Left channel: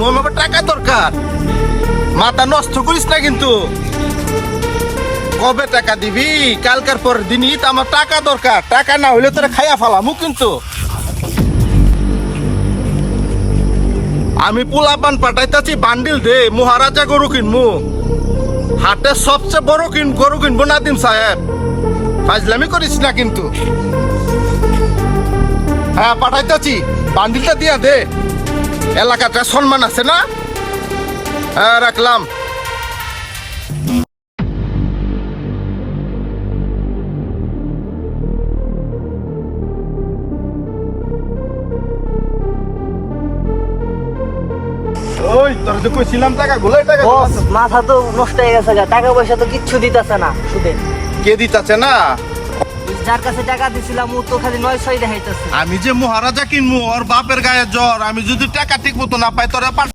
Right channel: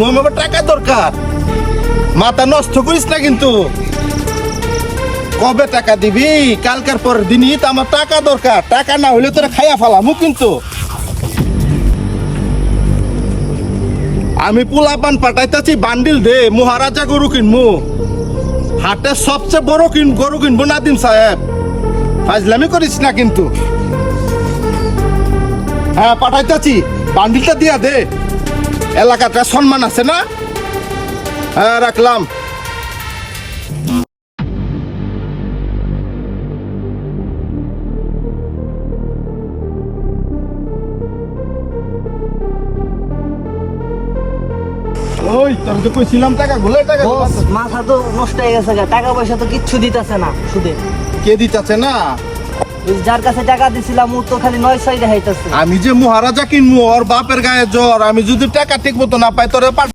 আমার টাকা দরকার, মাথা নষ্ট করিস না কিন্তু। কবে টাকা দিবি? কালকার পরের দিনই তো আমার টাকা দরকার, টাকা না হইলে তোরা খাইয়া ফেলামু কিন্তু। আমি পোলাপান পাঠাইতেছি, বান্ডিল দে, মহারাজা গরু কিনমু, হাটের সবচেয়ে বড় গরু কিনবো নাদিম সাহেব, ফাজলামি করিস না কিন্তু। হ্যাঁ পাঠাইতেছি, বান্ডিলটা দিয়া দে, এলাকাটা সম্মান আছে না। হ্যাঁ রাখলাম। ওই তোর যে কইছিলাম টাকা গুলাই টাকা বস মাথা তো নষ্ট হয়ে গেছে গা, টাকা পয়সা তো কিচ্ছু দিতেছে না সুদে। কে দিতাছে না? ওই যার কাছে টাকা দিছিলাম ও তো খালি 900 দেখাইতেছে। আমি যে মহারাজা কিনবো, ওর বাপের গায়ে জ্বর, আমি যদি টাকা ঠিক মতো না পাই তোরে